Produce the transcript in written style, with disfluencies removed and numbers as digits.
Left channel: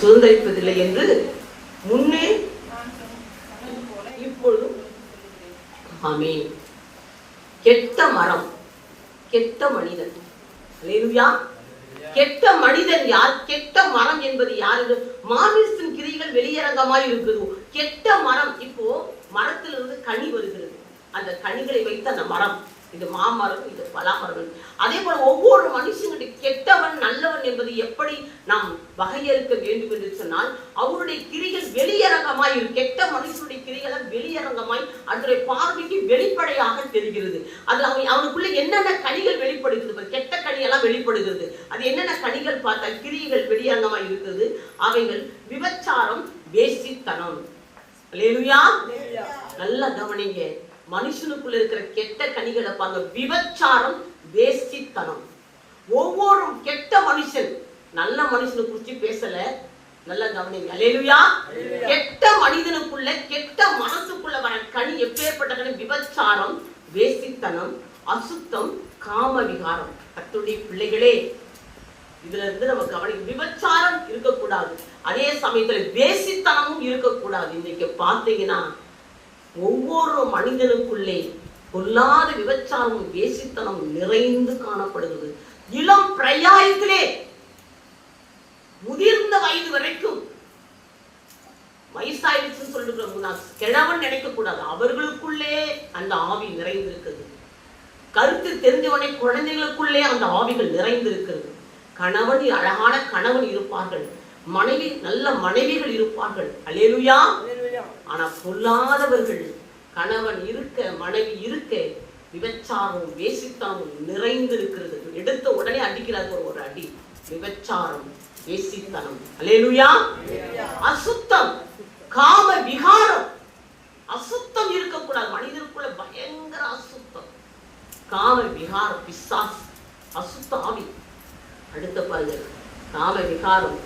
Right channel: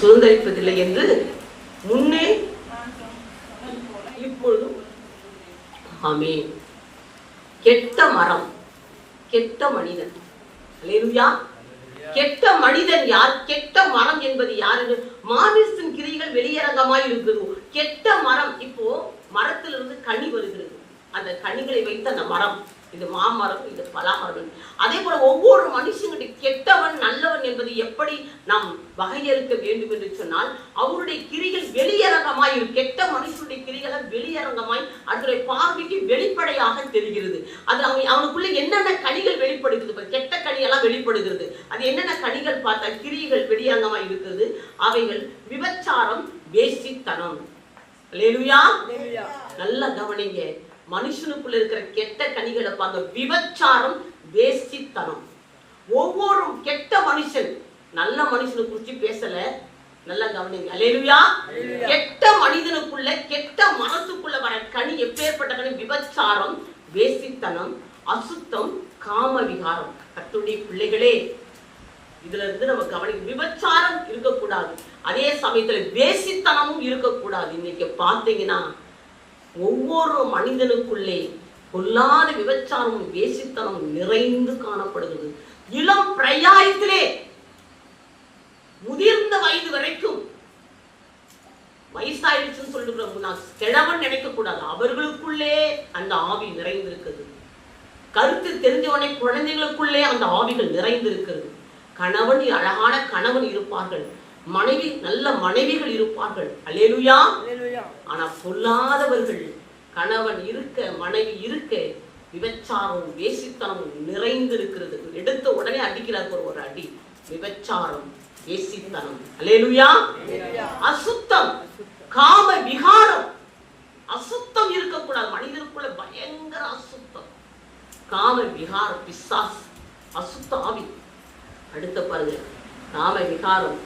சுதந்திரிப்பதில்லை என்று முன்னே இப்பொழுதும். ஆமென். கெட்ட மரம், கெட்ட மனிதன். அல்லேலூயா. கெட்ட மனிதன் யார்? கெட்ட மரம் என்பது யாரு? மாமிசத்தின் கிரிகள் வெளியரங்கமாய் இருக்குது. கெட்ட மரம், இப்போ மரத்திலிருந்து கனி வருகிறது. அந்த கனிகளை வைத்த அந்த மரம், இது மாமரம், இது பலாமரம். அதே போல ஒவ்வொரு மனுஷனுடைய கெட்டவன் நல்லவன் என்பது எப்படி நாம் வகையறுக்க வேண்டும் என்று சொன்னால், அவருடைய கிரிகள் வெளியரங்கமாய், கெட்ட மனுஷனுடைய கிரிகளை வெளியரங்கமாய் அவருடைய பார்வைக்கு வெளிப்படையாக தெரிகிறது. அது அவனுக்குள்ள என்னென்ன கனிகள் வெளிப்படுகிறது, கெட்ட கனியெல்லாம் வெளிப்படுகிறது. அது என்னென்ன கனிகள் பார்த்தா கிரிகள் வெளியரங்கமாய் இருக்கிறது. அவைகள் விபச்சாரம், வேசித்தனம். அல்லேலூயா. நல்லா கவனிங்க. மனுஷனுக்குள்ள இருக்கிற கெட்ட கனிகளை பாருங்க. விபச்சாரம், வேசித்தனம். ஒவ்வொரு கெட்ட மனுஷன், நல்ல மனுஷனை குறிச்சு பேசல, நல்லா கவனிங்க. அல்லேலூயா. கெட்ட மனிதனுக்குள்ள, கெட்ட மனசுக்குள்ள வர கனி எப்பேற்பட்ட கனி? விபச்சாரம், வேசித்தனம், அசுத்தம், காம விகாரம். கர்த்தருடைய பிள்ளைகளே, இதுல இருந்து நம்ம கவனிக்க. விபச்சாரம் இருக்கக்கூடாது, அதே சமயத்துல வேசித்தனமும் இருக்கக்கூடாது. இன்னைக்கு பார்த்தீங்கன்னா ஒவ்வொரு மனிதனுக்குள்ளே பொல்லாத விபச்சாரமும் வேசித்தனமும் நிறைந்து காணப்படுகிறது. இளம் பிரயாயத்திலே முதிர்ந்த வயது வரைக்கும், வயசாயிடுச்சுன்னு சொல்லிட்டு நான் கிழவன் நினைக்க கூடாது, அவர்களுக்குள்ளே அந்த ஆவி நிறைந்திருக்கிறது. கருத்து தெரிஞ்சவனை குழந்தைகளுக்குள்ளே அந்த ஆவிகள் நிறைந்திருக்கிறது. கணவன், அழகான கணவன் இருப்பார்கள், மனைவி, நல்ல மனைவிகள் இருப்பார்கள். அல்லேலூயா. ஆனா பொல்லாதவர்கள், கணவன் இருக்க, மனைவி இருக்க, விபச்சாரம், வேசித்தனம் நிறைந்திருக்கிறது. எடுத்த உடனே அடிக்கிறார் ஒரு அடி. விபச்சாரம், வேசித்தனம். அல்லேலூயா. அசுத்தம், காம விகாரம். அசுத்தம் இருக்கக்கூடாது. மனிதனுக்குள்ள பயங்கர அசுத்தம், காம விகாரம், பிசாஸ், அசுத்த ஆவி. அடுத்த பாருங்க, காம விகாரம்.